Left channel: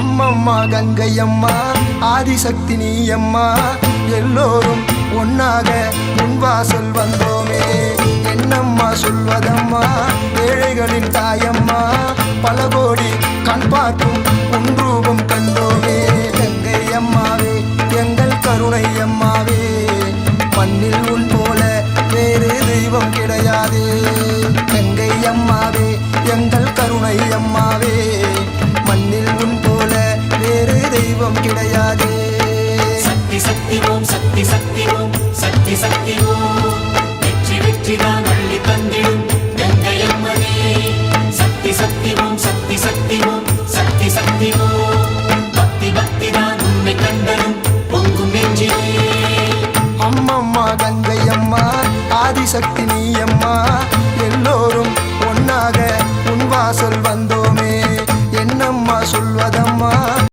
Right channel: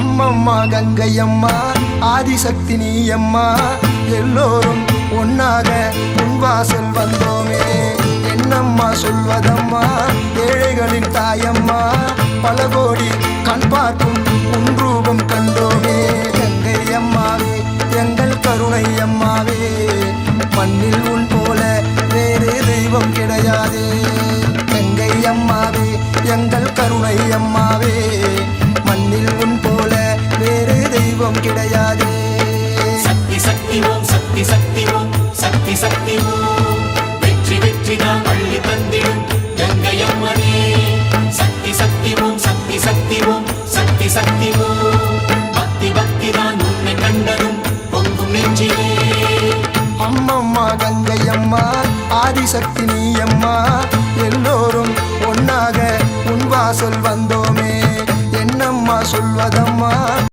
அம்மம்மா கங்கையம்மா ஆதிசக்தி நீ அம்மா எல்லோரும் ஒன்னாக உன் வாசல் வந்தோமே என்னம்மா சொல்வதம்மா ஏழைகளின் தாயம்மா பல கோடி கண் பார்க்கும் உன் ரூபம் கண்டோமே கங்கை அம்மாவே எங்கள் கருணை அம்மாவே மண்ணில் உன் போல வேறு தெய்வம் கிடையாதே கங்கை அம்மாவே எங்கள் கருணை அம்மாவே மண்ணில் உன் போல வேறு தெய்வம் கிடையாதே அம்மம்மா கங்கை அம்மா ஆதிசக்தி நீ அம்மா எல்லோரும் ஒன்னாக உன் வாசல் வந்தோமே என்னம்மா சொல்வதம்மா